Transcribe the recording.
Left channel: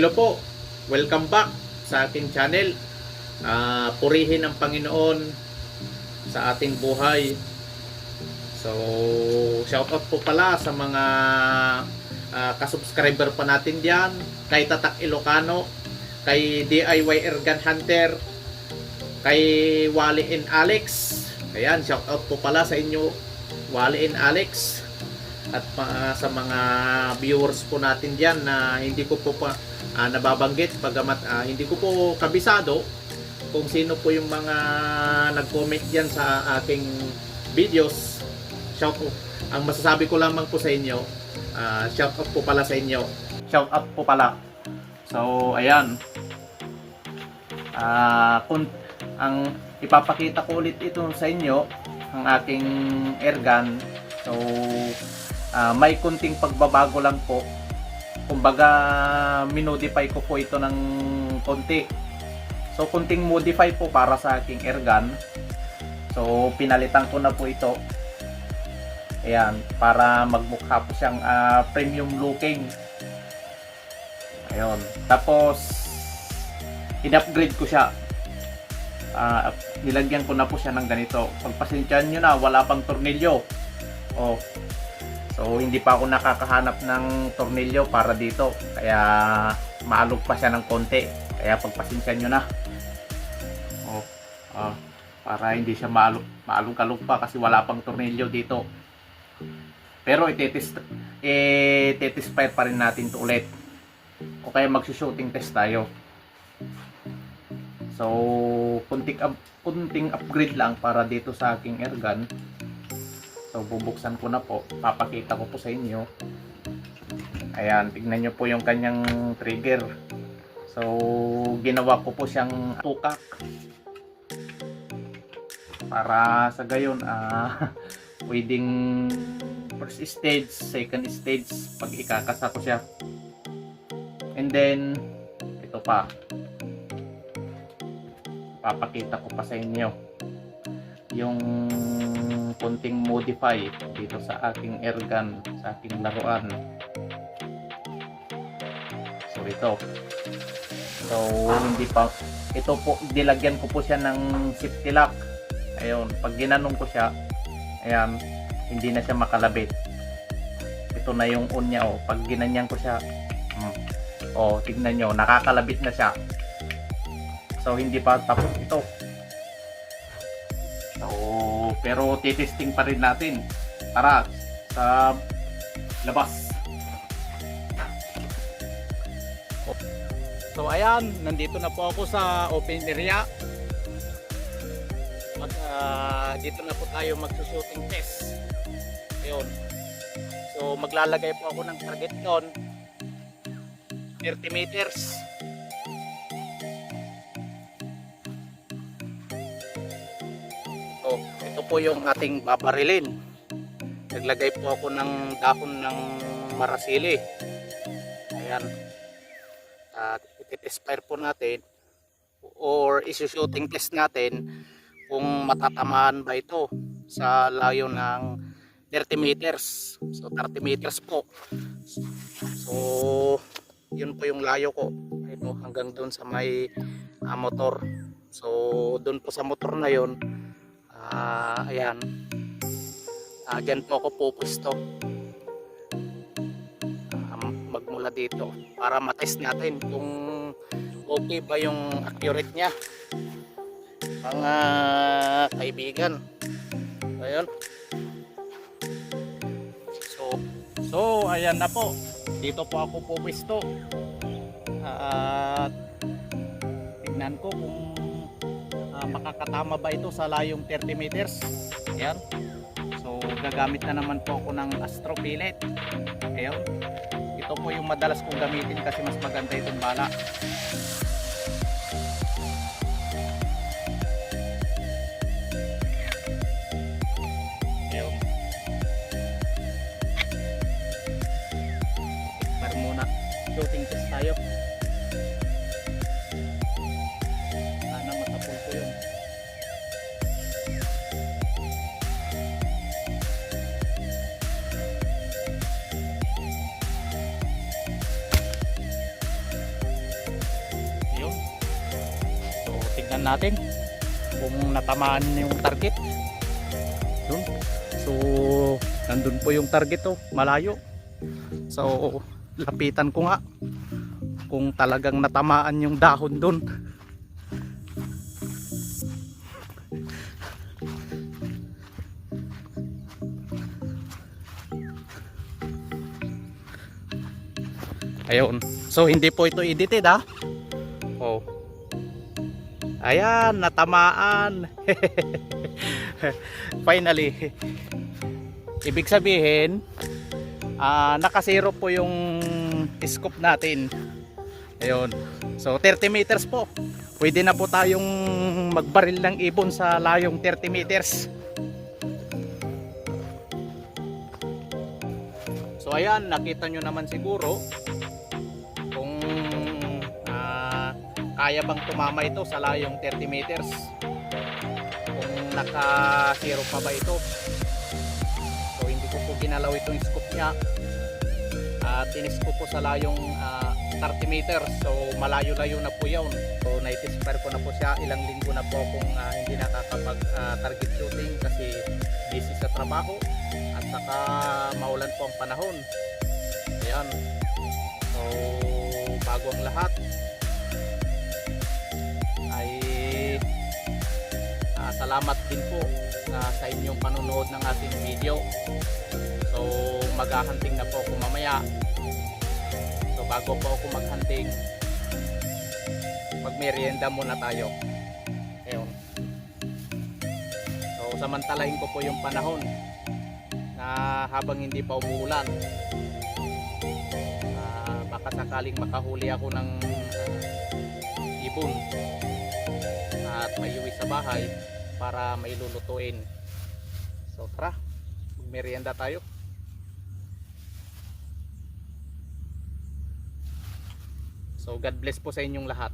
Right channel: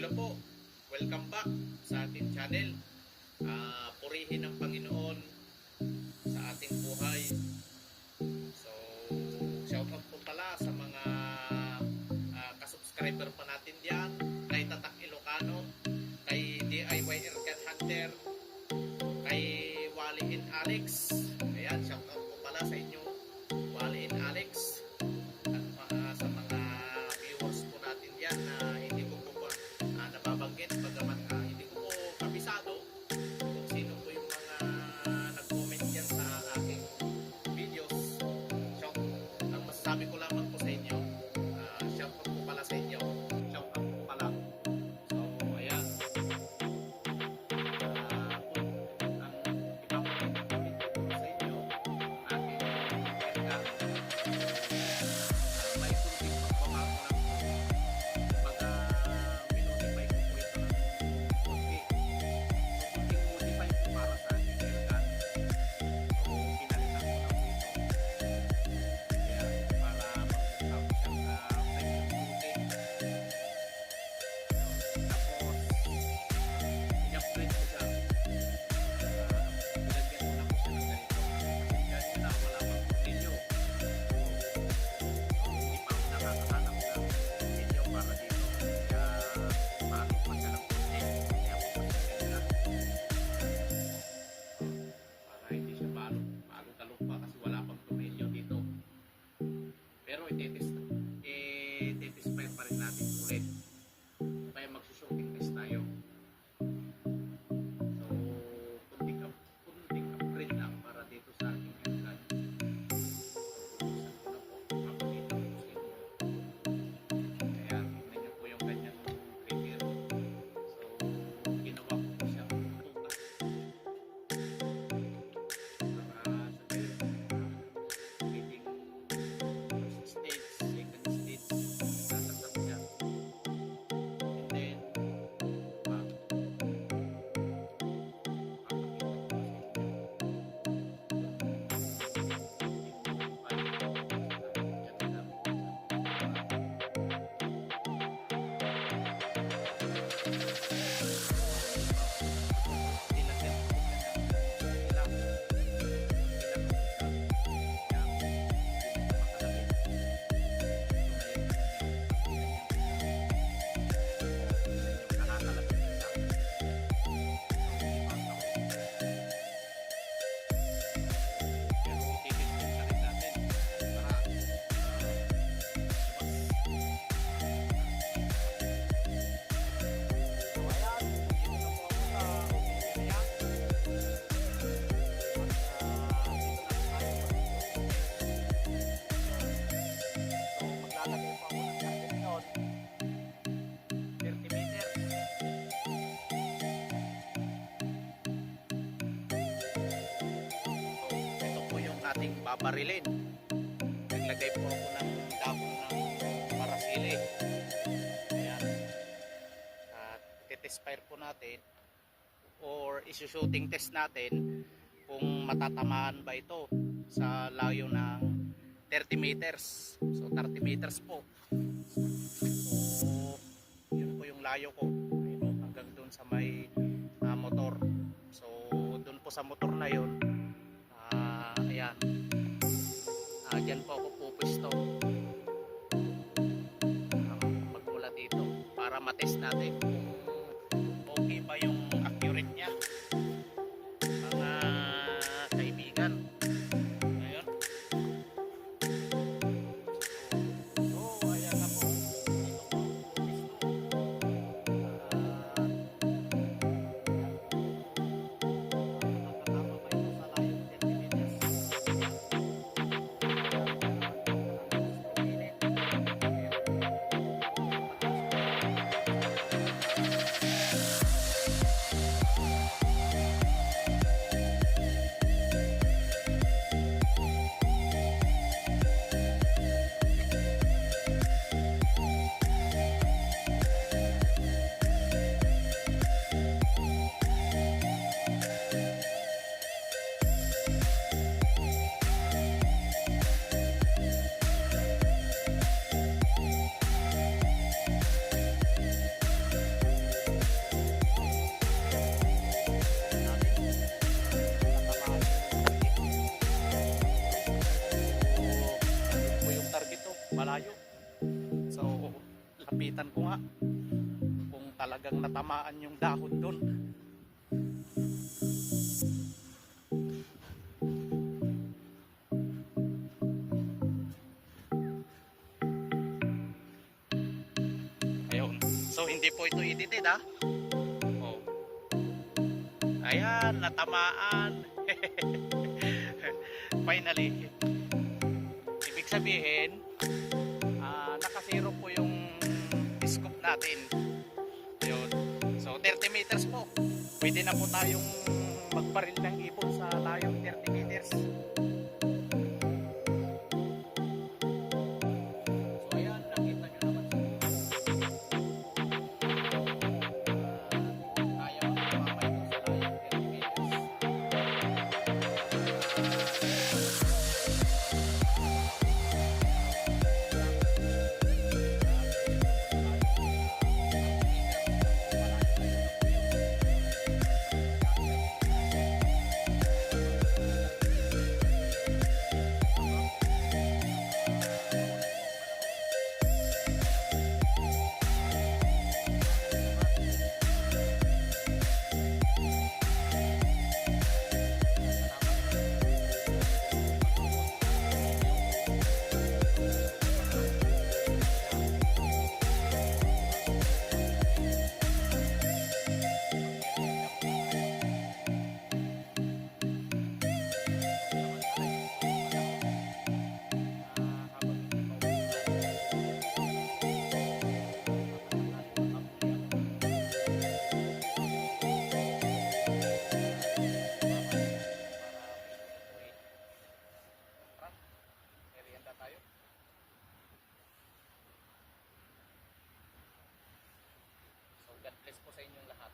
Hello po, welcome back sa ating channel. Purihin ang Panginoon sa ating buhay. So, shoutout po pala sa mga kasubscriber pa natin diyan, kay Tatak Ilocano, kay DIY Ergan Hunter, kay Wally and Alex. Ayan, shoutout po pala sa inyo, Wally and Alex. At sa mga viewers po natin diyan na hindi ko po nababanggit, bagamat hindi ko po kabisado kung sino po yung mga nag-comment diyan sa aking videos. Shout out. Ang masasabi ko lamang po sa inyo, shout out po pala sa inyo. Shout out po pala. So, ayan. Kung ang ipapakita ko ulit ito sa inyo, ang aking airgun. So, may kunting pagbabago lang po. Kumbaga, minodify ko po ito ng konti. So, kunting modify po para sa aking airgun. So, pinalitan ko na po ito. Ayan, para magmukha po siyang premium looking. Ayun. Tapos, in-upgrade ko siya. Nilagyan ko na po siya ng ganito. Pagpasensyahan nyo na, wala pang tornilyo. Oh. So, hindi pa ako nakakahanap ng tornilyo para dito. Kaya, maalog pa siya ng konti. Kaya, pagpasensyahan nyo na. Oh. Para hindi siya maalog-alog pa kasi wala pang tornilyo dito. Pero, itetest pa rin natin ito ulit. O kaya, magsushooting test tayo. So, kunting upgrade lang para dito sa aking airgun. So, bubuksan ko na po. Papakita ko po sa inyo. Ayan, tignan nyo po yung kanyang trigger. So, ginawa ko po siyang tukak. Para sa gayon, pwedeng first stage, second stage, pag ikakasa ko siya. And then, ito pa. Papakita ko pa sa inyo yung konting modify dito sa aking airgun, sa aking laruan. So ito. So hindi pa, ito po, dilagyan ko po siya ng safety lock. Ayun, pag ginanong ko siya, ayan, hindi na siya makalabit. Ito na yung on niya, oh. Pag ginanyan ko siya, tignan nyo, nakakalabit na siya. So hindi pa tapos ito. So, pero titesting pa rin natin. Tara sa labas. So ayan, nandito na po ako sa open area. Dito na po tayo magsushooting test. Ayun. So maglalagay po ako ng target doon. 30 meters. Ito po yung ating babarilin. Naglagay po ako ng dahon ng marasili. Ayan. At ititest fire po natin or isushooting test natin kung matatamaan ba ito sa layo ng 30 meters. So 30 meters po. So yun po yung layo ko. Ito, hanggang doon sa may motor. So doon po sa motor na yun, ayan, dyan po ako pupusto, magmula dito para matest natin kung okay ba yung accurate nya, mga kaibigan. Ayun. So ayan na po, dito po ako pupusto. Tignan ko kung makakatama ba ito sa layong 30 meters. Ayan. So gagamit na naman po ako ng Astro Pellet. Ayan. Ito po yung madalas kong gamitin kasi mas maganda itong bala. Ayan. Para muna shooting test tayo. tingnan natin kung natamaan yung target. Dun. So nandun po yung target, oh, malayo. So lapitan ko nga kung talagang natamaan yung dahon dun. Ayun. So hindi po ito edited, ha. Oh. Ayan, natamaan. Finally. Ibig sabihin, nakasiro po yung scoop natin. Ayun. So 30 meters po. Pwede na po tayong magbaril ng ibon sa layong 30 meters. So ayan, nakita nyo naman siguro kung kaya bang tumama ito sa layong 30 meters. Kung naka-zero pa ba ito. So hindi ko po ginalaw itong scoop niya. Tinis ko po sa layong 30 meters. So malayo-layo na po yun. So nai-expire ko na po siya. Ilang linggo na po kung hindi nakakapag-target shooting kasi busy sa trabaho. At saka maulan po ang panahon. Ayan. So bago ang lahat ay salamat din po sa inyong panonood ng ating video. So maghahunting na po ako mamaya. So bago po ako maghunting, magmerienda muna tayo. Ayun. So samantalahin ko po yung panahon na habang hindi pa umuulan, baka sakaling makahuli ako ng ibon at may uwi sa bahay para may lulutuin. So tara, merienda tayo. So God bless po sa inyong lahat.